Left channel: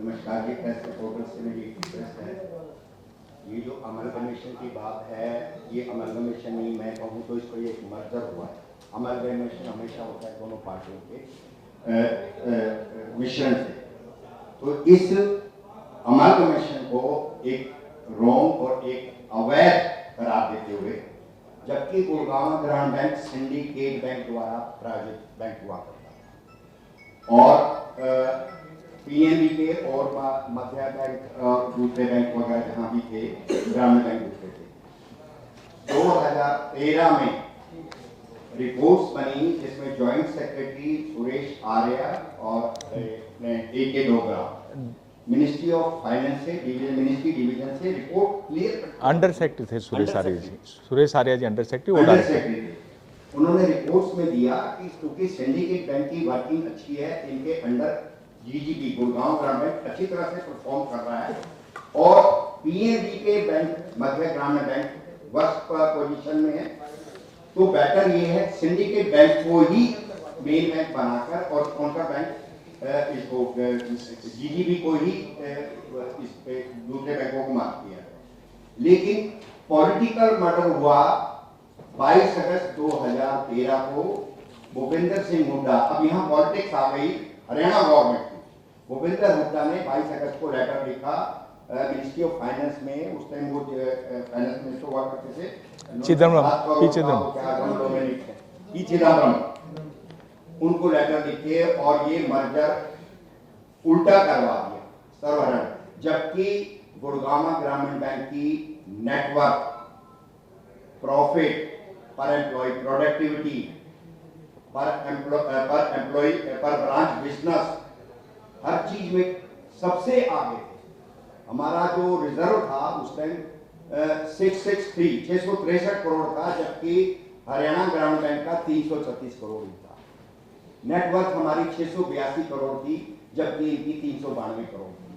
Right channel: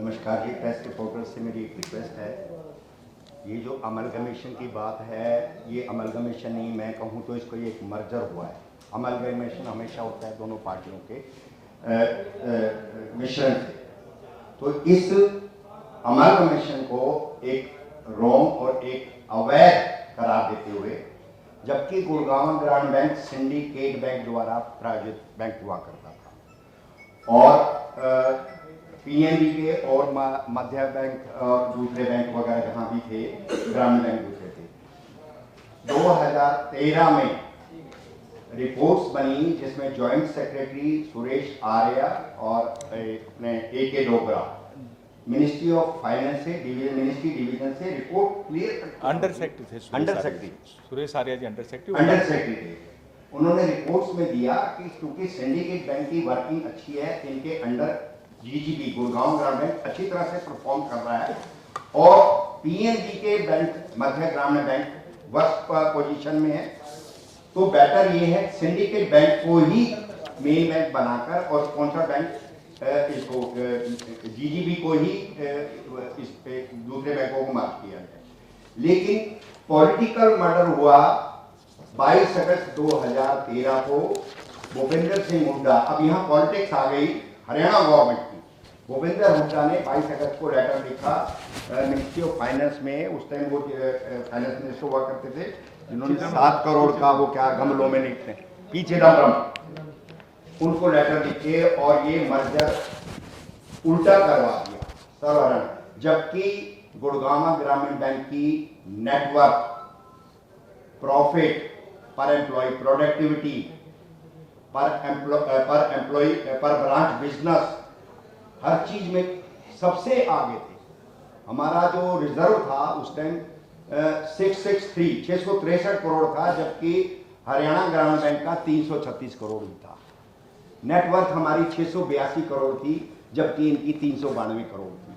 नमस्कार जी, press reporter से मेरी एक रिक्वेस्ट है। ये जो अमलगमेशन की बात है, ये अमलगमेशन नहीं, मैं कहूँ तो इसको ये मर्जर हुआ है। अमलगमेशन हमेशा होता है दोनों पार्टियों के मिश्रण से। तो इस अमलगमेशन को एक रॉन्ग और एक अवैध करार देते हुए, जबकि गुड़गांव ग्रामीण बैंक सिंडिकेट बैंक द्वारा प्रायोजित बैंक हुआ करता था और पीएनबी के और मध्य बैंक और दूसरे बैंक वगैरह जहाँ भी थे, ग्रामीण बैंक दूसरे थे। 2013 में रिपोर्ट्स बनी जिसमें जॉइंट सेक्रेटरी सुरेश आर्या और अपने AK Dogra ministry of finance से मिनिस्ट्री डिवीजन से रिपोर्ट क्लियर अंडर सेक्रेटरी थे सुरेश आर्या जी अंडर सेक्रेटरी थे। उन्होंने रिपोर्ट्स में दिया कि क्योंकि सिंडिकेट बैंक की वर्किंग अच्छी है, इनके अंडर GGB गुड़गांव ग्रामीण बैंक अच्छी तरह से परफॉर्म कर रहा है और PNB के bank Madhya Gramin bank worst position में है, तो बेटर ये है सिंडिकेट बैंक को ही मेन बैंक बनाकर और स्पॉन्सर बैंक इसको GGB को ही इस दूसरे बैंकों को माफ किया है। लेकिन पॉलिटिकल मर्डर हुआ 22 अगस्त 2013 को भूपेंद्र सिंह हुड्डा। अब यहाँ पॉलिटिक्स आ गई हरियाणा गवर्नमेंट की। भूपेंद्र हुड्डा ने 22 अगस्त को लेटर लिखा मिनिस्ट्री ऑफ फाइनेंस में, उस टाइम वो फाइनेंस मिनिस्टर हुआ करते थे, 7 करोड़ का वो क्या गमलों में लिखते हैं, पी चिदम्बरम, उनको लेटर लिखे और ये मर्जर उल्टा करवा दिया सर्वहरण। जबकि गुड़गांव ग्रामीण बैंक की नेटवर्क, प्रॉफिट पर एम्प्लॉय, प्रोडक्टिविटी पर एम्प्लॉय, पर ब्रांच बिजनेस, हर चीज में सबसे आगे थे। हमारा जो रिजर्व था उस टाइम 663 करोड़ था, जबकि हरियाणा ग्रामीण बैंक का 336 करोड़ ही था। नेटवर्थ हमारी 682 करोड़ थी, जबकि इनकी 392 करोड़ थी।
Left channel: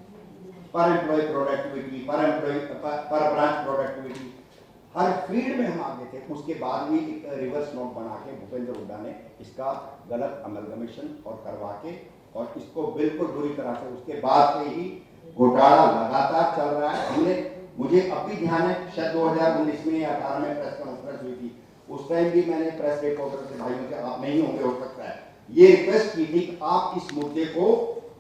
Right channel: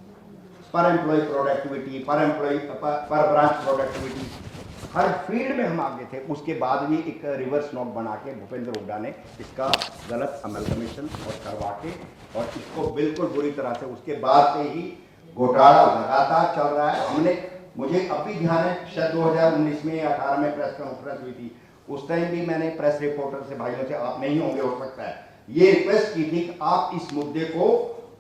पर एम्प्लॉय प्रोडक्टिविटी, पर ब्रांच प्रोडक्टिविटी, हर फील्ड में हम आगे थे। उसके बाद भी एक रिवर्स नोट बना के भूपेंद्र हुड्डा ने इसका गलत अमलगमेशन और करवा के और इसको बिल्कुल बुरी तरह से, उसके बाद से ही घोटाला लगातार चल रहा है। मुझे अभी ध्यान है, शायद 2019 में या 18 में प्रेस कॉन्फ्रेंस हुई थी, उस टाइम भी मैंने प्रेस रिपोर्टर से, भाइयों से, आप नहीं होंगे हो सकता है, ये रिक्वेस्ट की थी कि आप इस मुद्दे को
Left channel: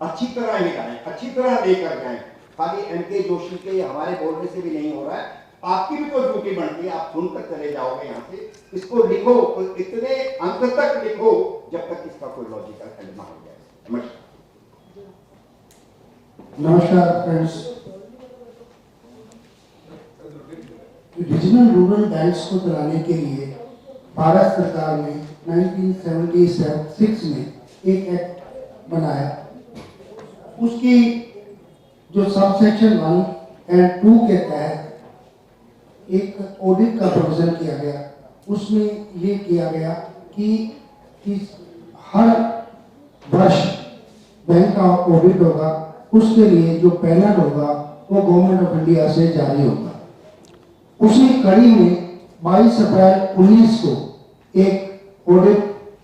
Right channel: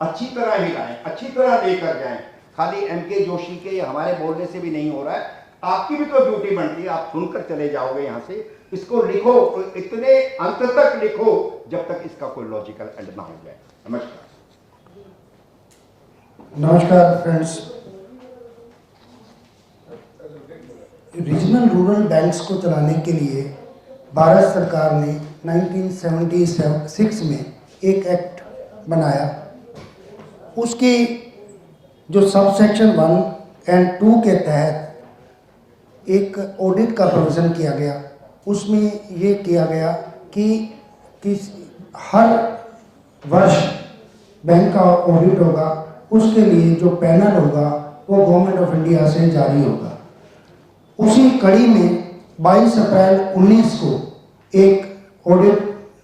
अच्छी तरह लेकर, अच्छी तरह लेकर जाएं। खाली MK जोशी के हमारे बोलने से भी नहीं हो रहा है, आपकी भी तो ड्यूटी बनती है, आप सुनकर चले जाओगे यहाँ से। इसको लिखो, इतने अंत तक लिखो जब तक इसका कोई लॉजिकल एंड ना हो जाए। नमस्कार फ्रेंड्स। रीजनल रूरल बैंक्स को चलाने के लिए भारत सरकार ने 1976 में एक एक्ट बनाया। उसकी जो सबसेक्शन 1 और 2 के तहत एक ऑडिट का प्रोविजन किया गया। उसमें ये किया गया कि हर वर्ष बैंक का ऑडिट होगा, उसके लिए जो पैनल होगा वो गवर्नमेंट ऑफ इंडिया से जारी होगा। उसी कड़ी में 22 अप्रैल 19 को एक ऑडिट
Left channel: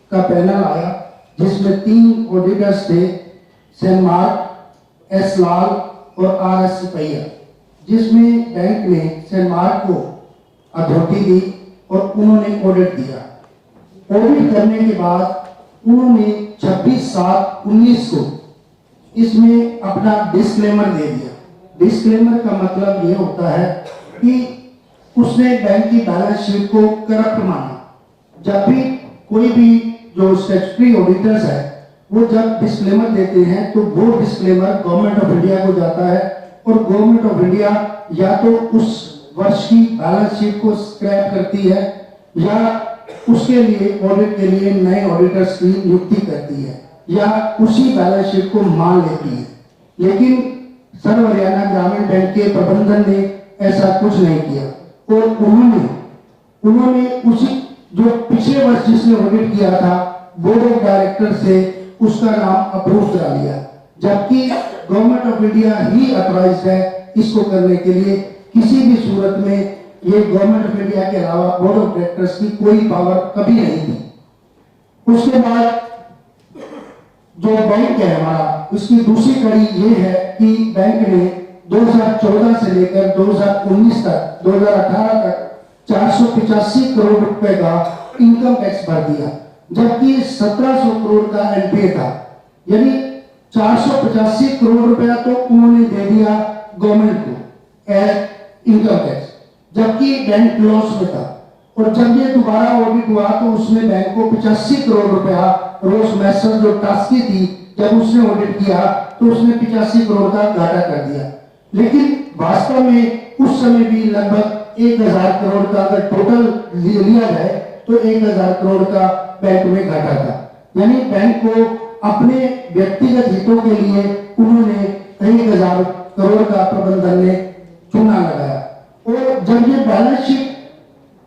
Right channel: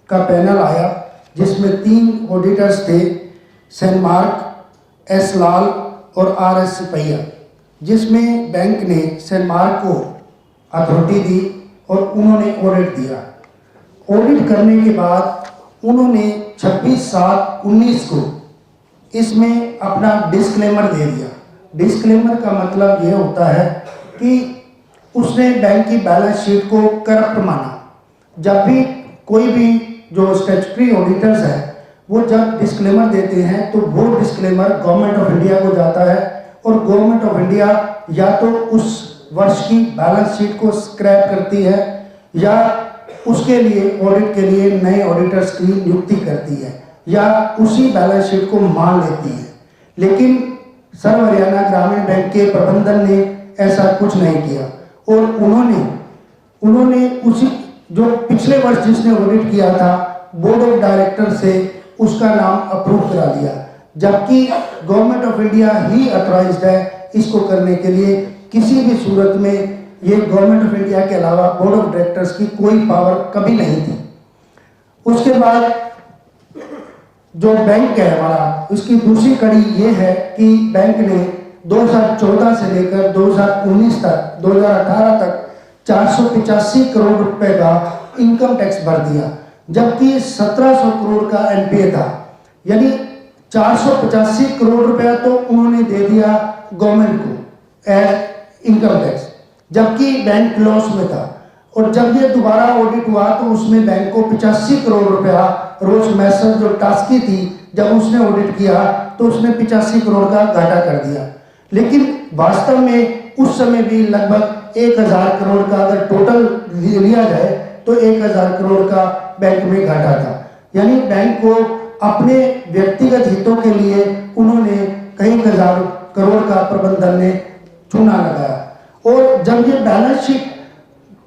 का पैनल आया, जिसमें 3 ऑडिटर्स थे, सेन मार्क, S लाल और RS सिपैया, जिसमें बैंक ने सेन मार्क को अथॉरिटी दी और उन्होंने ऑडिट दिया। ऑडिट करने के बाद उन्होंने 26/7/19 को इसमें अपना डिस्क्लेमर दे दिया। डिस्क्लेमर का मतलब यह होता है कि उसने बैंक की बैलेंस शीट को करप्ट माना। जब भी कोई भी जो स्टैट्यूटरी ऑडिटर्स है वो जब डिस्क्लेमर देते हैं तो वो डिस्क्लेमर गवर्नमेंट ऑफ इंडिया को जाता है और गवर्नमेंट ऑफ इंडिया या तो उस वर्ष की बैलेंस शीट को स्क्रैप करती है या उसके लिए ऑडिट के लिए नए ऑडिटर्स की नियुक्ति करती है या उसी बैलेंस शीट को मान लेती है। लेकिन सर्व हरियाणा ग्रामीण बैंक के प्रबंधन ने ऐसा कुछ नहीं किया और उन्होंने उसी जो पिछले वर्ष जिसने ऑडिट किया था बोर्ड ऑफ डायरेक्टर से उसका नाम अप्रूव करा दिया, जबकि government of India he authorised है इसको करने के लिए। किसी भी सूरत में ये गवर्नमेंट ऑफ इंडिया के अलावा बोर्ड ऑफ डायरेक्टर्स की कोई पावर कभी नहीं थी। उसके बाद जो बैंक है हमारा, उसकी दूसरी कड़ी ये है कि बैंक ने 2014 से लेकर 2019 तक 2018 तक 485 करोड़ रुपए का इनकम टैक्स भर दिया, जबकि 1700 करोड़ का एनपीए था। यानी 485 करोड़ रुपया तो उन्होंने दे दिया गवर्नमेंट को एज इनकम टैक्स, जबकि बैंक लॉस में था। और जब ये दोबारा ऑडिट हुआ तो उसमें बैंक को 85 करोड़ रुपया रोज मैसर जो टास्की थी, जब उसने ऑडिट किया तो उसने 85 करोड़ का घाटा कर दिया। लेकिन वास्तव में उस समय भी लगभग 1000 करोड़ का अगर टोटल लिया जाए तो 1000 करोड़ का बैंक में घाटा था। यानी बैंक को अपने व्यक्तिगत हितों के लिए उन्होंने कई हजार करोड़ का प्रबंधन ने चूना लगाया। और जब ये बैलेंस शीट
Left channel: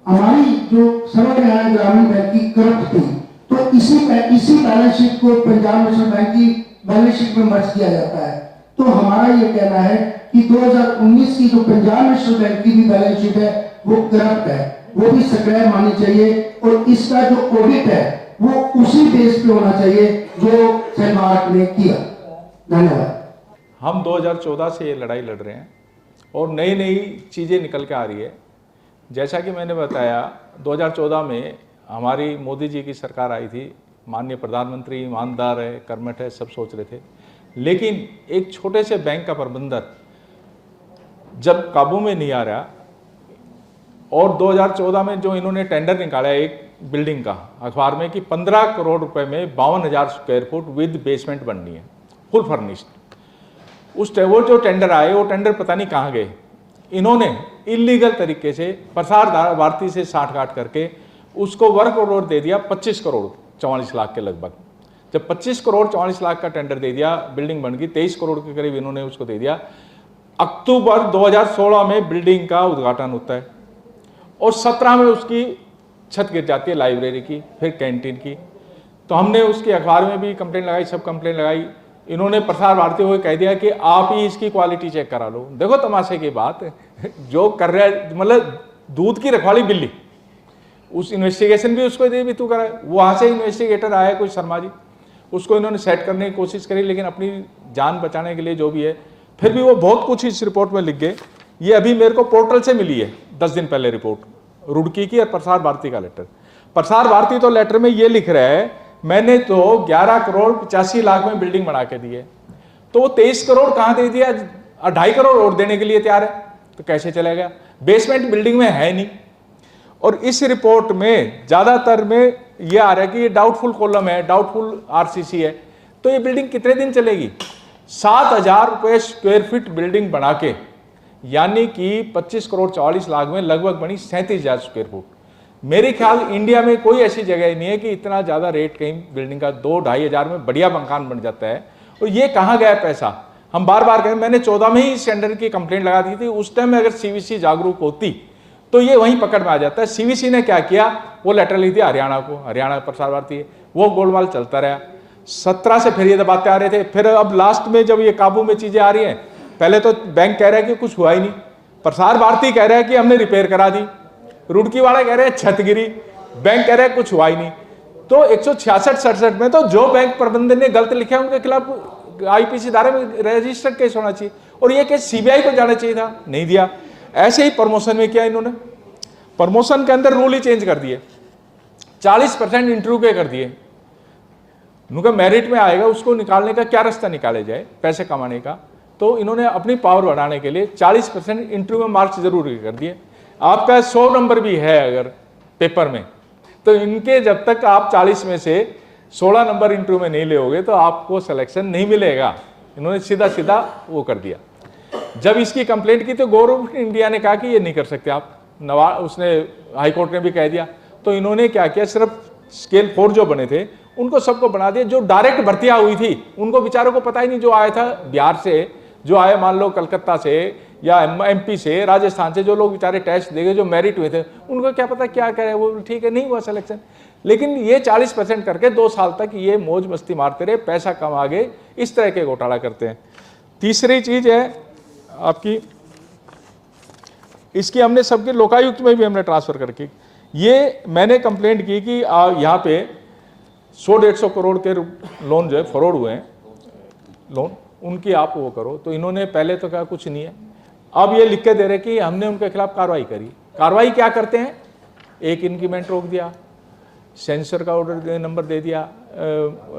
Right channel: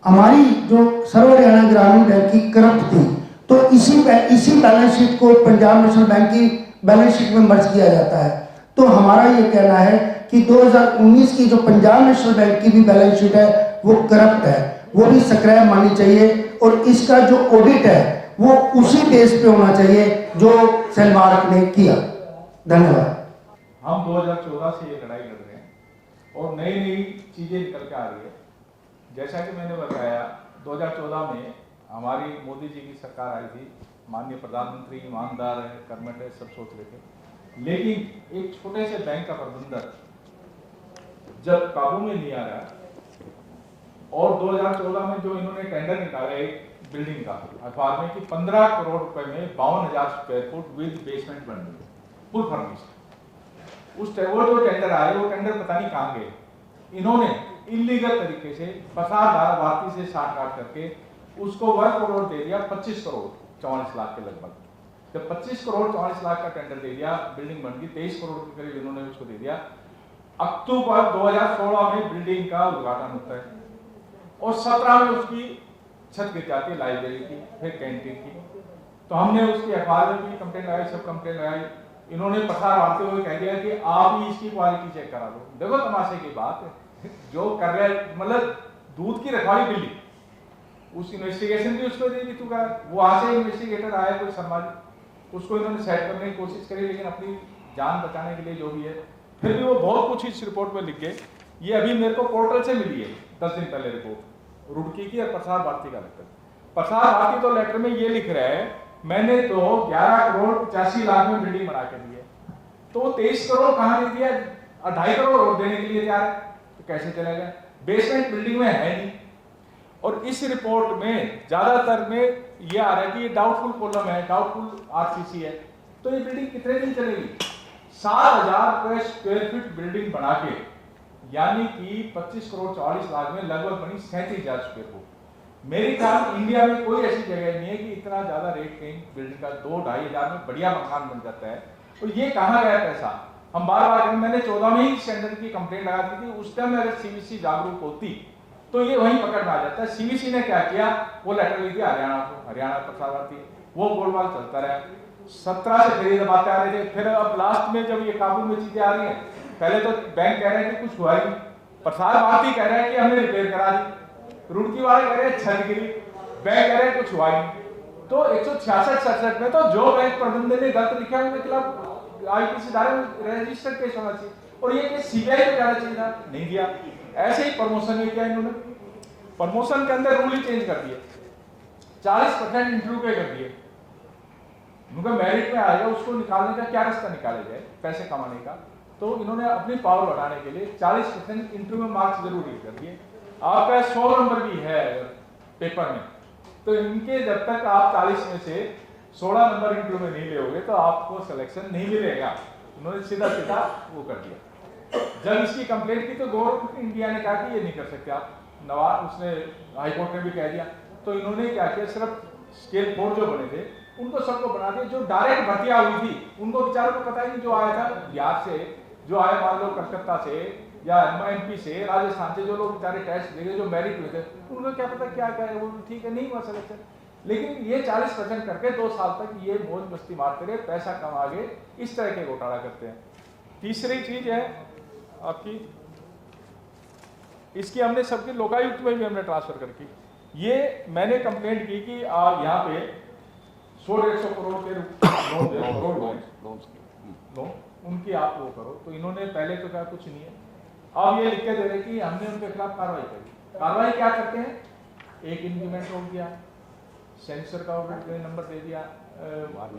हमारी जो सर्व हरियाणा ग्रामीण बैंक की करप्ट थी, तो इसी बैलेंस शीट को पंजाब नेशनल बैंक की बैलेंस शीट में मर्ज किया जाता है। तो हमारा ये कहना है कि 2019 की जो पंजाब नेशनल बैंक की भी बैलेंस शीट है वो करप्ट है, वो भी सक्रिय माननी चाहिए। और इसका जो ऑडिट है वो उसी बेस पे होना चाहिए जो सेलमार्क ने किया। धन्यवाद। हम 2014 से ये लड़ाई लड़ रहे हैं और नई नई चीज़ें निकल के आ रही है। जैसा कि मैंने बताया 2014 में हमारी मोदी जी की सरकार आई थी, माननीय प्रधानमंत्री ईमानदार है, कर्मठ है, सब सोच रहे थे। लेकिन एक छोटे से बैंक का प्रबंधक जब काबू में नहीं आ रहा, और 2014 में जो इन्होंने टेंडर निकाला एक बिल्डिंग का अखबार में कि 15 करोड़ रुपए में 52,000 स्क्वायर फुट विद बेसमेंट बननी है, फुल फर्निश्ड। वो जो टेंडर आए वो टेंडर पता नहीं कहाँ गए। इन्होंने इलीगल तरीके से प्रसार भारती से साठ गांठ करके उसको वर्क ऑर्डर दे दिया 25 करोड़ 44 लाख के लगभग। जब 25 करोड़ 44 लाख का टेंडर दे दिया, बिल्डिंग बन गई 23 करोड़ के करीब इन्होंने उसको दे दिया। अक्टूबर 2016 में बिल्डिंग का उद्घाटन होता है और 17 में उसकी छत गिर जाती है, लाइब्रेरी की, फिर कैंटीन की। तो हमने उसकी अखबार में भी कंप्लेंट लगाई, सब कंप्लेंट लगाई। इन्होंने प्रसार भारती को कह दिया कि आप ही इसकी क्वालिटी चेक करा लो। देखो तमाशे की बात, जो कर रहा है मतलब दूध की रखवाली बिल्ली, उस इन्वेस्टिगेशन भी उसको दे भी तू करा। वहाँ से इन्वेस्टिगेटर आया कोई शर्मा जी, उसको इन्होंने सेट करने की कोशिश करी, लेकिन अपनी जान बचाने के लिए जो भी है, फिर भी वो बहुत कुछ इस रिपोर्ट में लिख गए। ये अभी मेरे को पोर्टल से मिली है 10 दिन पहले रिपोर्ट, रुड़की की और प्रसार भारती का लेटर। प्रसार भारती तो लेटर में ये लिख रहा है मैंने तो 11 करोड़ 85 लाख में बिल्डिंग बना के दी है, तो वो 23 करोड़ कहाँ दे दिया, 2.5 करोड़ और देने के लिए तैयार है, तो कैसे चलेगा? बेसमेंट बिल्डिंग में है नहीं। और इस रिपोर्ट में ज्यादातर में ये आ रहा है कि ये डाउटफुल कॉलम है, डाउटफुल आरसीसी है। तो ये बिल्डिंग कितने दिन चलेगी? 7,000 रुपये स्क्वायर फीट बिल्डिंग बना के, यानी कि 25 करोड़ 44 लाख में लगभग बनी 37,000 स्क्वायर फुट। मेरे ख्याल इंडिया में कोई ऐसी जगह नहीं है कि इतना ज़्यादा रेट कहीं बिल्डिंग का 2-2.5 हज़ार में बढ़िया मकान बन जाता है। और ये कहाँ गया पैसा? हम बार बार कहें, मैंने 14 में ही इस टेंडर की कंप्लेंट लगा दी थी। उस टाइम में अगर सीवीसी जागरूक होती तो ये वहीं पकड़ में आ जाता है। सीवीसी ने क्या किया, वो लेटर लिख दिया हरियाणा को, हरियाणा प्रसार भारती है, वो गोलमाल चलता रहा। 17 से फिर ये दबाते आ रहे थे। फिर अब लास्ट में जब ये काबू में चीजें आ रही हैं, पहले तो बैंक कह रहा है कि कुछ हुआ ही नहीं, प्रसार भारती कह रहा है कि हमने रिपेयर करा दी, रुड़की वाले कह रहे हैं छत गिरी, बैंक कह रहे हैं कुछ हुआ ही नहीं। तो 166-67 में तो जो बैंक प्रबंधन ने गलत लिखा उनके खिलाफ आईपीसी धारा में रजिस्टर्ड केस होना चाहिए, और ये केस सीबीआई को जाना चाहिए था, नहीं दिया। ऐसे ही प्रमोशन में किया इन्होंने, प्रमोशन के अंदर रूल ही चेंज कर दिए, 40% इंटरव्यू के कर दिए। उनका मेरिट में आएगा, उसको निकालने का क्या रास्ता निकाले जाए पैसे कमाने का, तो इन्होंने अपनी पावर बढ़ाने के लिए 40% इंटरव्यू में मार्क्स जरूरी कर दिए। आपका 100 नंबर भी है अगर पेपर में, तो इनके जब तक आप 40 में से 16 नंबर इंटरव्यू में नहीं लेोगे तो आपको सिलेक्शन नहीं मिलेगा। इन्होंने सीधा सीधा वो कर दिया। जब इसकी कंप्लेंट की तो गवर्नमेंट इंडिया ने कहा कि ये नहीं कर सकते आप, उसने हाईकोर्ट ने भी कह दिया। तो इन्होंने क्या किया, सिर्फ स्केल 4 जो बने थे उनको सबको बना दिया। जो डायरेक्ट भर्तियां हुई थी उनको बेचारों को पता ही नहीं, जो आया था बिहार से, जो आए मान लो कलकत्ता से या एमपी से, राजस्थान से, जो लोग बेचारे टेस्ट देंगे, जो मेरिट हुए थे, उनको क्या पता क्या करे, वो ठीक है नहीं हुआ सिलेक्शन। लेकिन ये 40% करके 2 साल तक ये मौज मस्ती मारते रहे, पैसा कमा के इस तरह के घोटाला करते हैं। तीसरी चीज है आपकी, इसकी हमने सबके लोकायुक्त में भी हमने ट्रांसफर करके, ये मैंने कंप्लेंट की कि यहाँ पे 100-150 करोड़ के लोन जो है फरौड हुए हैं लोन, उनकी आप वो करो। तो इन्होंने पहले तो कहा कुछ नहीं है, अब ये लिख के दे रहे कि हमने उनके खिलाफ कार्रवाई करी। कार्रवाई क्या करते हैं, एक इंक्रीमेंट रोक दिया, सेंसर का ऑर्डर नंबर दे दिया,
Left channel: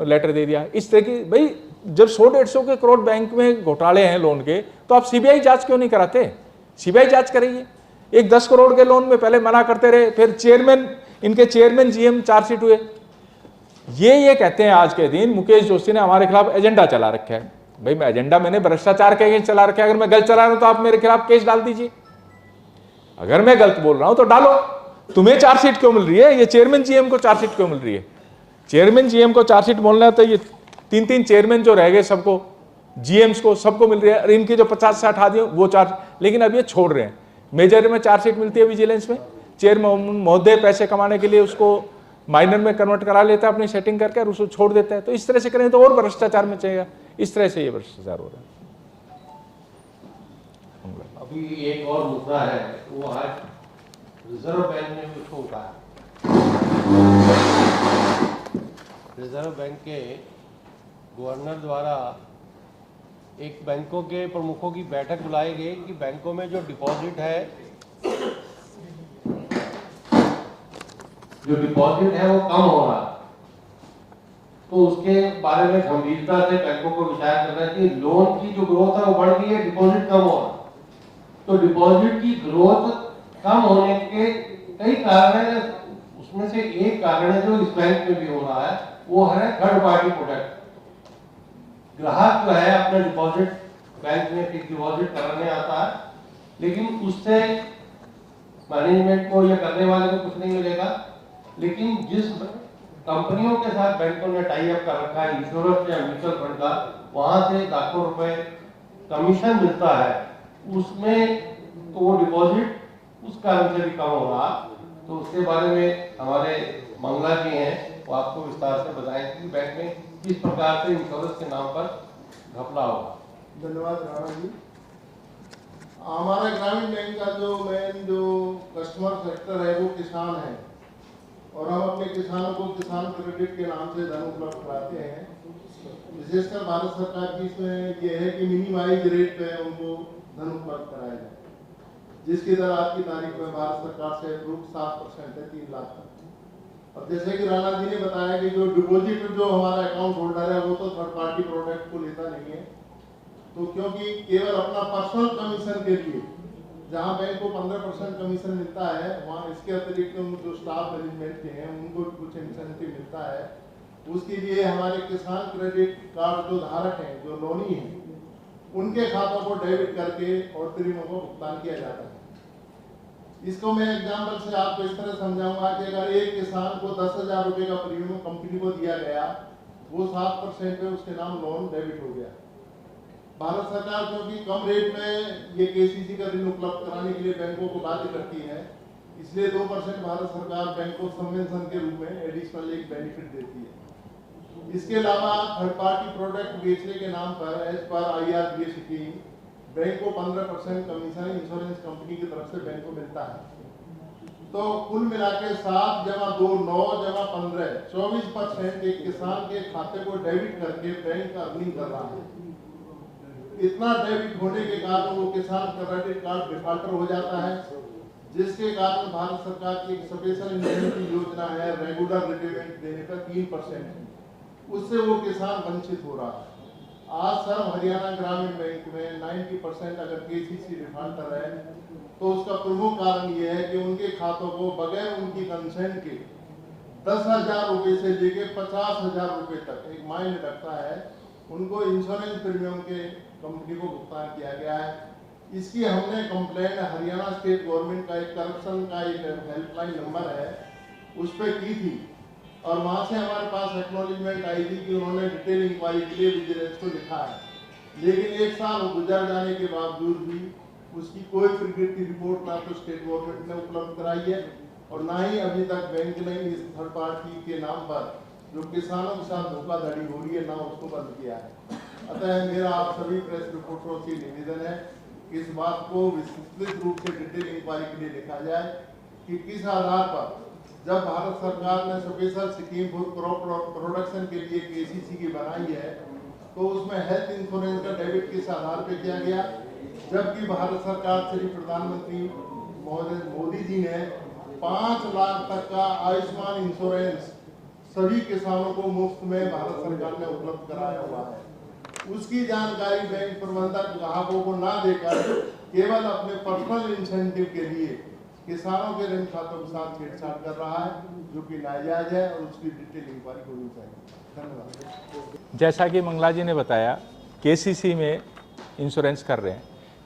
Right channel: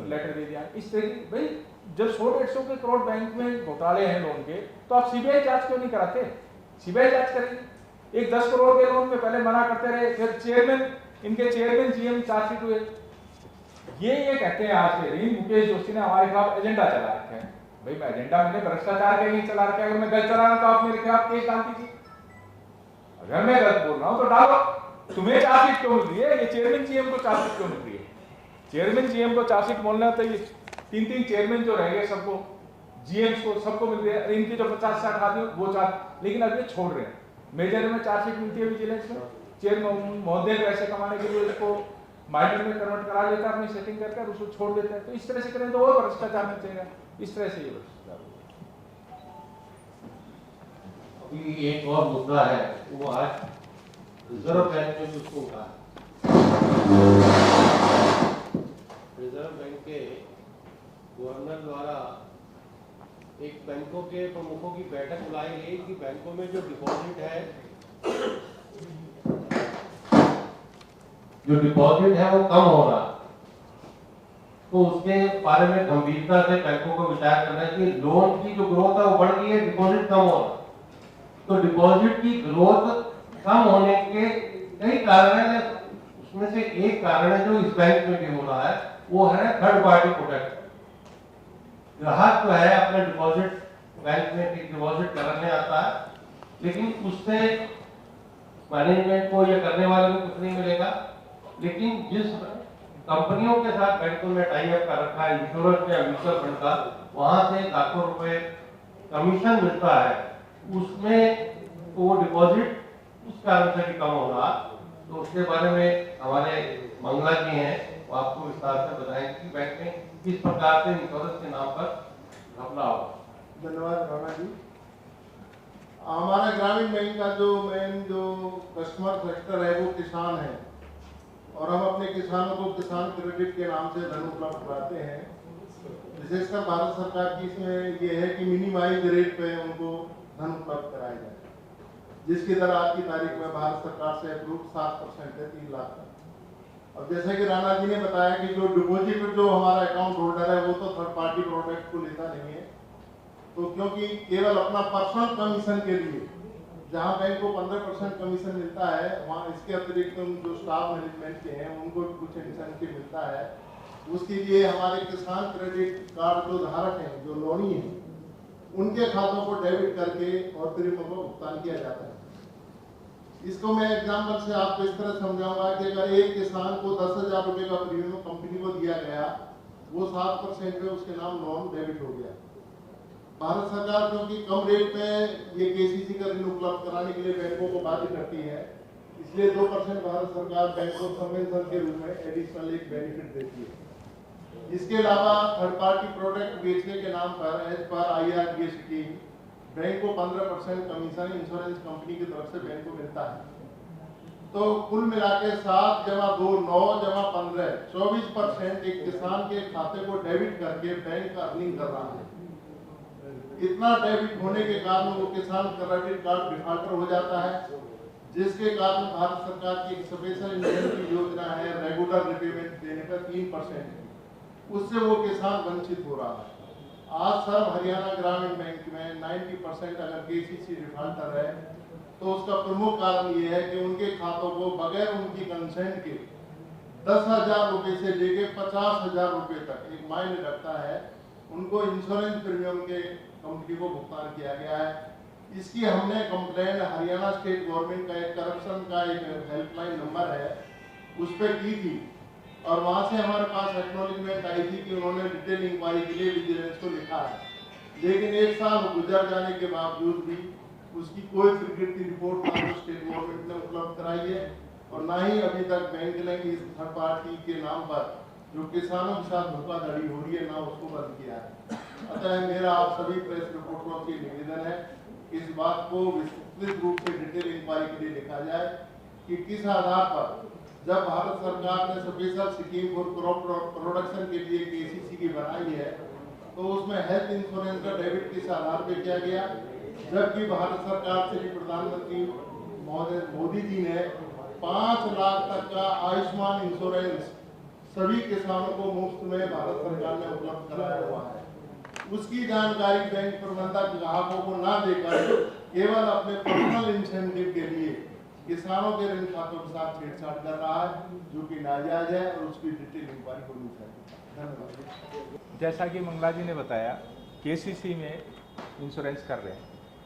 लेटर दे दिया, इस तरह की। भाई जब 100-150 के करोड़ बैंक में घोटाले हैं लोन के, तो आप सीबीआई जांच क्यों नहीं कराते? सीबीआई जांच करेगी। एक 10 करोड़ के लोन में पहले मना करते रहे, फिर चेयरमैन, इनके चेयरमैन जीएम चार्जशीट हुए। ये कहते हैं आज के दिन मुकेश जोशी ने हमारे खिलाफ एजेंडा चला रखा है। भाई मैं एजेंडा, मैंने भ्रष्टाचार के अगेंस्ट चला रखा है। अगर मैं गलत चला रहा हूं तो आप मेरे खिलाफ केस डाल दीजिए। अगर मैं गलत बोल रहा हूं तो डालो। तुम्हें चार्जशीट क्यों मिल रही है? ये चेयरमैन जीएम को चार्जशीट क्यों मिल रही है? चेयरमैन जीएम को चार्जशीट बोलना है तो ये 3-3 चेयरमैन जो रह गए, सबको, जीएम्स को सबको मिल रही है। और इनकी जो 50 से 60 आदमी वो चार्ज, लेकिन अब ये छोड़ रहे हैं। मेजर में चार्जशीट मिलती है विजिलेंस में, चेयरमैन महोदय पैसे कमाने के लिए उसको माइनर में कन्वर्ट करा लेता है अपनी सेटिंग करके, और उसको छोड़ देता है। तो इस तरह से करें तो और भ्रष्टाचार में चाहिए। इस तरह से ये भ्रष्टाचार हो रहा है। अभी एक और मुद्दा है, वो आज रिजर्व बैंक ने भी उसको उठाया। रिजर्व बैंक के गवर्नर द्वारा एक बैंकों के प्रमुखों की बैठक बुलाई गई कि बैंकों में जो डिपॉजिट है वो कम हो रहा, तो उसके बारे में गंभीरता से बैंकों को विचार करना चाहिए। लोन की जो ग्रोथ है वो बढ़ रही है, डिपॉजिट कम हो रहा, तो डिपॉजिट की ग्रोथ कम होने के कई कारण हैं। उसमें से एक कारण है जो इस बैंक में भी हो रहा है, वो है थर्ड पार्टी प्रोडक्ट। ग्राहक जो है अपने डिपॉजिट बैंक में फिक्स डिपॉजिट करने आता है, लेकिन उससे मैनेजमेंट को या करने वाले को कुछ नहीं मिलेगा। लेकिन जिस कंपनियों के साथ बैंकों ने टाई अप कर रखा है, इंश्योरेंस या म्यूचुअल फंड का, वहां से लाखों रुपए कमीशन मिलता है, उसमें तो वो डिपॉजिट उस कारण से भी कम हो रहा। तो उसके बारे में हमारे मंगला जी हैं, वो आपको विस्तार से बताएंगे कि बैंक में किस प्रकार से इंश्योरेंस के नाम पर घपला हो। धन्यवाद रामा जी। हमारा ग्रामीण बैंक का जो मेन जो कस्टमर सेक्टर है वो किसान है, और हम अपने किसानों को किसान क्रेडिट के नाम से धन उपलब्ध कराते हैं। विशेषकर भारत सरकार की इसमें ये है कि मिनिमाइज रेट पे उनको धन उपलब्ध कराया जाए, जिसकी दर आज की तारीख में भारत सरकार से अप्रूव 7% है, 3 लाख का। और जैसे कि राणा जी ने बताया कि जो डिपॉजिट जो हमारा अकाउंट होल्डर है वो तो थर्ड पार्टी प्रोडक्ट को लेता नहीं है, तो क्योंकि केवल अपना पर्सनल कमीशन के लिए जहाँ बैंक को 15% कमीशन मिलता है, वहाँ इसके अतिरिक्त जो स्टाफ मैनेजमेंट हैं उनको कुछ इंसेंटिव मिलता है। उसके लिए हमारे किसान क्रेडिट कार्ड जो धारक हैं, जो लोनी है, उनके खातों को डेबिट करके और प्रीमियम को भुगतान किया जाता है। इसको मैं एग्जाम्पल से आपको इस तरह समझाऊंगा कि अगर एक किसान को 10,000 रुपए का प्रीमियम कंपनी को दिया गया, वो 7% पे उसके नाम लोन डेबिट हो गया। भारत सरकार क्योंकि कम रेट में ये केसीसी का ऋण उपलब्ध कराने के लिए बैंकों को बाध्य करती है, इसलिए 2% भारत सरकार बैंकों सबवेंशन के रूप में एडिशनल एक बेनिफिट देती है। इसके अलावा थर्ड पार्टी प्रोडक्ट बेचने के नाम पर as per IRDA scheme bank को 15% कमीशन इंश्योरेंस कंपनी की तरफ से बैंक को मिलता है। तो कुल मिला के 7 जमा 2 9 जमा 15 24% एक किसान के खाते को डेबिट करके बैंक अर्निंग कर रहा है। इतना डेबिट होने के कारण वो किसान क्रेडिट कार्ड डिफॉल्टर हो जाता है, जिसके कारण भारत सरकार की एक स्पेशल इंसेंटिव योजना है रेगुलर रिपेमेंट देने का 3%, उससे वो किसान वंचित हो रहा है। आज सर हरियाणा ग्रामीण बैंक में 90% अगर केसीसी डिफॉल्टर है, तो उसका प्रमुख कारण ये है कि उनके खातों को बगैर उनकी कंसेंट के 10,000 रुपए से लेके 50,000 रुपए तक एक माइंड लगता है, उनको इंश्योरेंस प्रीमियम के कंपनी को भुगतान किया गया है। इसकी हमने कंप्लेंट हरियाणा स्टेट गवर्नमेंट का एक करप्शन का एक हेल्पलाइन नंबर है उस पर की थी, और वहां से हमारे पास एक्नॉलेजमेंट आई थी कि उन्होंने डिटेल इंक्वायरी के लिए विजिलेंस को लिखा है, लेकिन 1 साल गुजर जाने के बावजूद भी उसकी कोई क्रिकेट की रिपोर्ट ना तो स्टेट गवर्नमेंट ने उपलब्ध कराई है, और ना ही अभी तक बैंक ने इस थर्ड पार्टी के नाम पर जो किसानों के साथ धोखाधड़ी हो रही है ना उसको बंद किया है। अतः मेरा आप सभी प्रेस रिपोर्टरों से निवेदन है कि इस बात को विस्तृत रूप से डिटेल इंक्वायरी के लिए देखा जाए कि किस आधार पर जब भारत सरकार ने special scheme for crop production के लिए केसीसी की बनाई है तो उसमें हेल्थ इंश्योरेंस का डेबिट किस आधार पे किया गया, जबकि भारत सरकार श्री प्रधानमंत्री महोदय मोदी जी ने 5 लाख तक का आयुष्मान इंश्योरेंस सभी किसानों को मुफ्त में भारत सरकार ने उपलब्ध कराया हुआ है। उसकी जानकारी बैंक प्रबंधक ग्राहकों को ना देकर केवल अपने पर्सनल इंसेंटिव के लिए किसानों के ऋण खातों के साथ छेड़छाड़ कर रहा है, जो कि नाजायज है और उसकी डिटेल इंक्वायरी होनी चाहिए। धन्यवाद। जैसा कि मंगला जी ने बताया, केसीसी में इंश्योरेंस कर रहे हैं।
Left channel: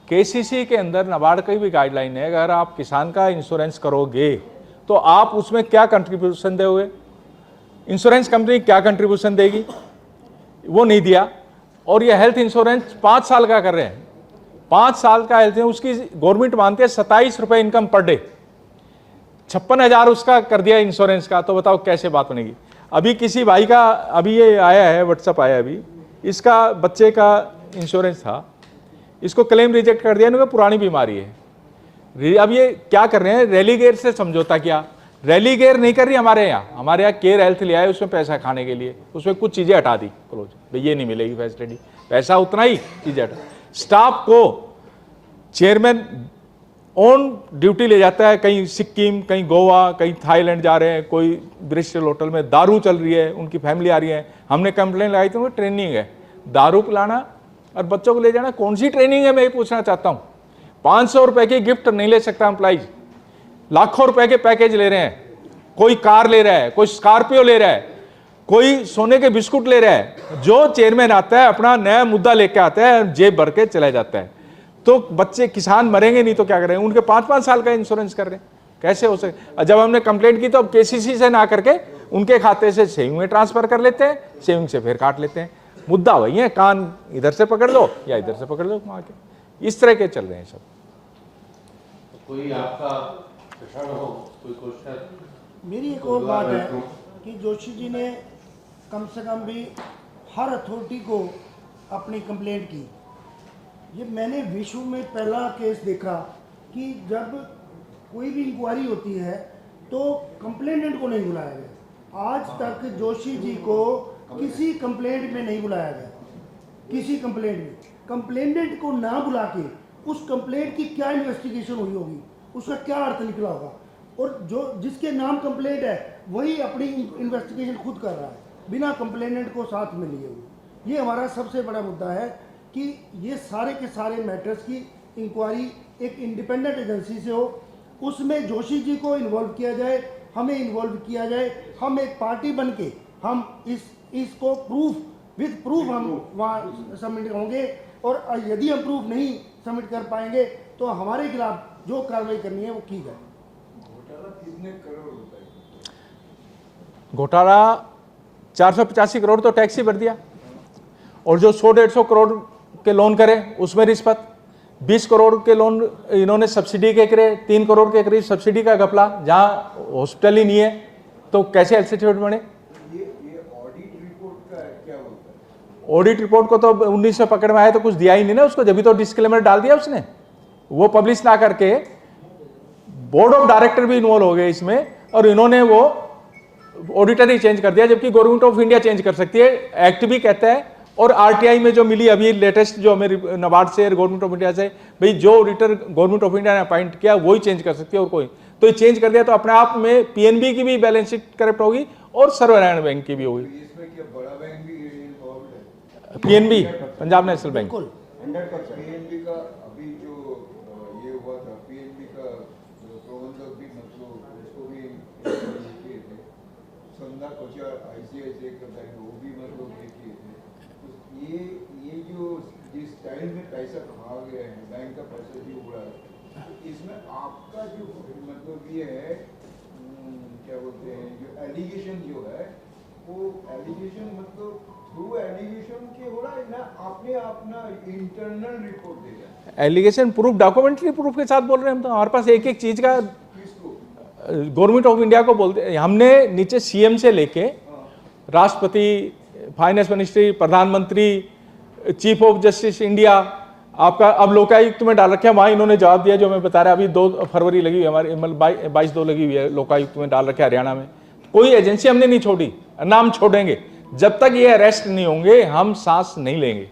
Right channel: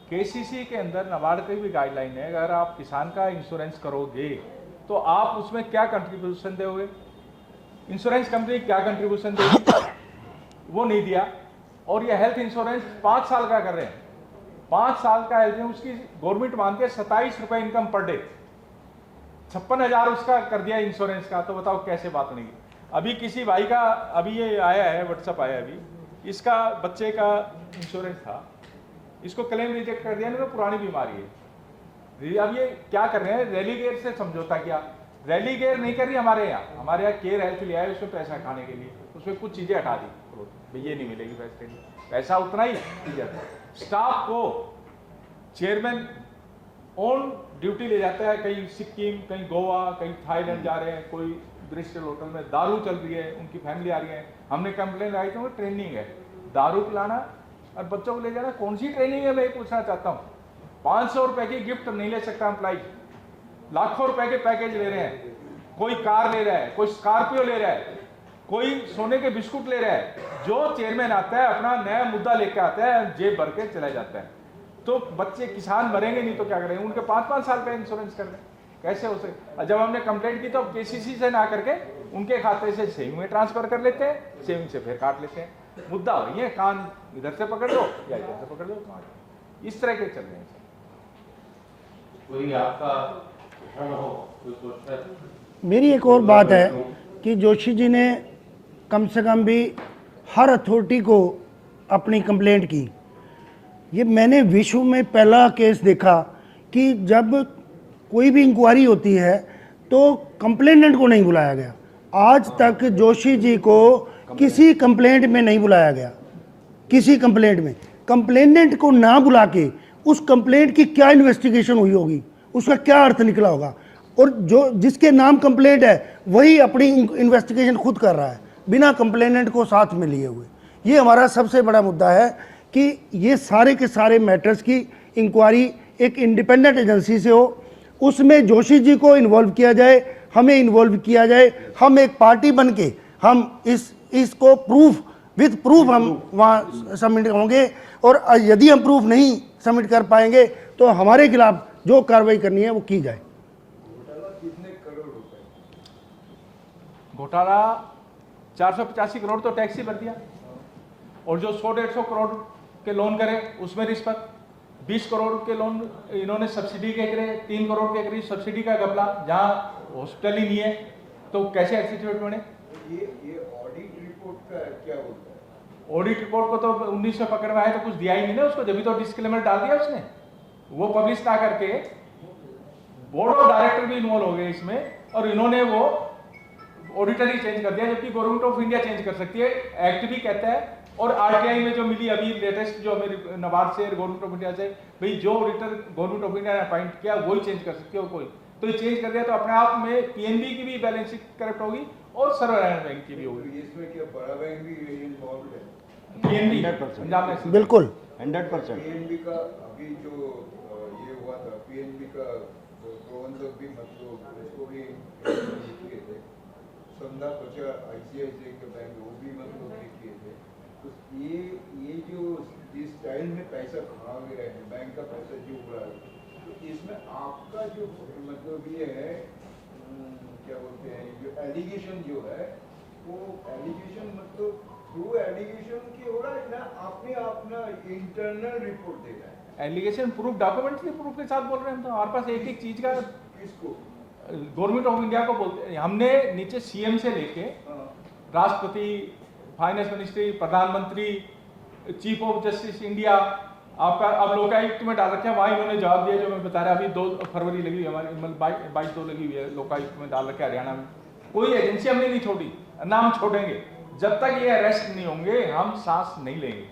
केसीसी के अंदर नाबार्ड की भी गाइडलाइन है, अगर आप किसान का इंश्योरेंस करोगे तो आप उसमें क्या कंट्रीब्यूशन दोगे, इंश्योरेंस कंपनी क्या कंट्रीब्यूशन देगी, वो नहीं दिया। और ये हेल्थ इंश्योरेंस 5 साल का कर रहे हैं, 5 साल का हेल्थ, उसकी गवर्नमेंट मानती है 27 रुपये इनकम पर डे, 56,000 उसका कर दिया इंश्योरेंस का, तो बताओ कैसे बात बनेगी। अभी किसी भाई का अभी ये आया है, व्हाट्सअप आया अभी, इसका बच्चे का इंश्योरेंस था, इसको क्लेम रिजेक्ट कर दिया, इनको पुरानी बीमारी है। अब ये क्या कर रहे हैं, रेलीगेयर से समझौता किया। रेलीगेयर नहीं कर रही हमारे यहाँ केयर हेल्थ लिया है, उसमें पैसा खाने के लिए, उसमें कुछ चीज़ें हटा दी, क्लोज, भाई ये नहीं मिलेगी फैसिलिटी, पैसा उतना ही, चीज़ें हटा। स्टाफ को चेयरमैन ऑन ड्यूटी ले जाता है, कहीं सिक्किम, कहीं गोवा, कहीं थाईलैंड जा रहे हैं, कोई ब्रिस्टल होटल में दारू चल रही है, उनकी फैमिली आ रही है, हमने कंप्लेन लगाई थी, ट्रेनिंग है, दारू पिलाना और बच्चों को ले जाना, कौन सी ट्रेनिंग है, मैं ये पूछना चाहता हूँ। 500 रुपए की गिफ्ट नहीं ले सकता एम्प्लॉइज, लाखों रुपए के पैकेज ले रहे हैं, कोई कार ले रहा है, कोई स्कॉर्पियो ले रहा है, कोई सोने के बिस्कुट ले रहा है। जो चेयरमैन आता है अपना नया मुद्दा लेके आता है, जेब भर के चला जाता है। तो बच्चे किसान मरेंगे नहीं तो क्या करेंगे, उनके 5-5 साल का इंश्योरेंस कर रहे हैं, कैसे हो सके। जब हमने कंप्लेंट की तो अब केसीसी से ना करके उनके खाते से सेविंग में ट्रांसफर कर लेते हैं, सेविंग से फिर काट लेते हैं। मुद्दा वही है, कान इधर से पकड़ लो या इधर से पकड़ लो वहां के, इस तरह के चल रहे हैं सब। कोई आपका प्रश्न हो, कोई क्वेश्चन? मेरी एक और बात है कि जोशी जी ने कम से कम भी हर अथॉरिटी को अपनी कंप्लेंट की। ये मैंने विश्व में पहला केस देखा कि जब कोई भी इंक्वायरी होती है तो कंप्लेनेंट को नहीं बुलाया गया। आज तक जोशी जी को किसी कंप्लेंट में नहीं बुलाया गया, किसी कंप्लेंट में। कंप्लेनेंट को ना बुला के उस कंप्लेंट की क्या इन्वेस्टिगेशन हुई होगी, उसका क्या अर्थ निकला होगा, और जो जिसके नाम कंप्लेंट है वही अपनी इन्वेस्टिगेशन खुद कर रहा है बिना कंप्लेनेंट को साथ में लिए हुए। ये हमारा सबसे बड़ा मुद्दा है कि ये सारे के सारे मैटर्स की इंक्वायरी एक इंडिपेंडेंट एजेंसी से हो, उसमें जोशी जी को इन्वॉल्व किया जाए, हमें इन्वॉल्व किया जाए, हम एक पार्टी बन के हम इसको विथ प्रूफ हम वहाँ सबमिट होंगे, और यदि हम प्रूफ नहीं सबमिट कर पाएंगे तो हमारे खिलाफ जो कार्रवाई करनी है वो की जाए। घोटाला 485 करोड़ तो टैक्स ही भर दिया, और जो 100-150 करोड़ के लोन करे उसमें रिश्वत, 20 करोड़ के लोन इन्होंने सब्सिडी के करे, 3 करोड़ के करीब सब्सिडी का घपला, जहाँ हॉस्पिटल ही नहीं है तो कैसे हेल्थ सर्टिफिकेट बने। ये ऑडिट रिपोर्ट का क्या बोलता है? ऑडिट रिपोर्ट को तो 19 में पकड़ में आया तो कुछ दिया ही नहीं ना उसको, जब भी तो डिस्क्लेमर डाल दिया उसने, वो पब्लिश ना करके। बोर्ड ऑफ डायरेक्टर भी इन्वॉल्व हो गए इसमें, और इन्होंने वो ऑडिटर ही चेंज कर दिया, जबकि गवर्नमेंट ऑफ इंडिया चेंज कर सकती है, एक्ट भी कहता है। और आरटीआई में जो मिली अभी लेटेस्ट जो हमें नाबार्ड से गवर्नमेंट ऑफ इंडिया से, भाई जो ऑडिटर गवर्नमेंट ऑफ इंडिया ने अपॉइंट किया वही चेंज कर सकती है, और कोई तो ये चेंज कर दिया तो अपने आप में पीएनबी की भी बैलेंस शीट करप्ट होगी और सर्वनारायण बैंक की भी होगी। इसमें क्या बड़ा बैंक भी इन्वॉल्व है? पीएनबी, पंजाब नेशनल बैंक, बिल्कुल 100%। पीएनबी का अभी जो ये हुआ था, पीएनबी का प्रबंधक भी मतलब उसको भी किए थे, संधा कोचा आईसीआईसीआई का बैंक वो भी मतलब किए थे। तो ये जो जिस स्टाइल में पैसा खा गए हैं, बैंक का पैसा जो उड़ा है, इसमें आपका जो मतलब ये है क्या बोलते हैं, जो एलिगेशन जो है वो एलिगेशन मतलब थ्रू एलिगेशन के हो रहा है ना, आपने अपना इंटरनल रिपोर्ट दे रहा है? एलिगेशन प्रूफ, डॉक्यूमेंट्री प्रूफ के साथ बोल रहे हैं हम तो, हमारे पास एक एक चीज का। किसको? गवर्नमेंट ऑफ इंडिया को बोलते हैं हमने, नीचे सीएम से लेके राष्ट्रपति, फाइनेंस मिनिस्ट्री, प्रधानमंत्री, चीफ ऑफ जस्टिस इंडिया, आपका अब लोकायुक्त में डाल रखे हैं, वहाँ इन्होंने जवाब दिया जो मैं बता रहा, अभी 2 फरवरी लगी हुई है हमारे, 22/2 लगी हुई है, लोकायुक्त में डाल रखे हरियाणा में। कोई एजेंसी हमने नहीं छोड़ी, ना हम छोड़ेंगे। जब तक ये अरेस्ट नहीं होंगे हम सांस नहीं लेंगे।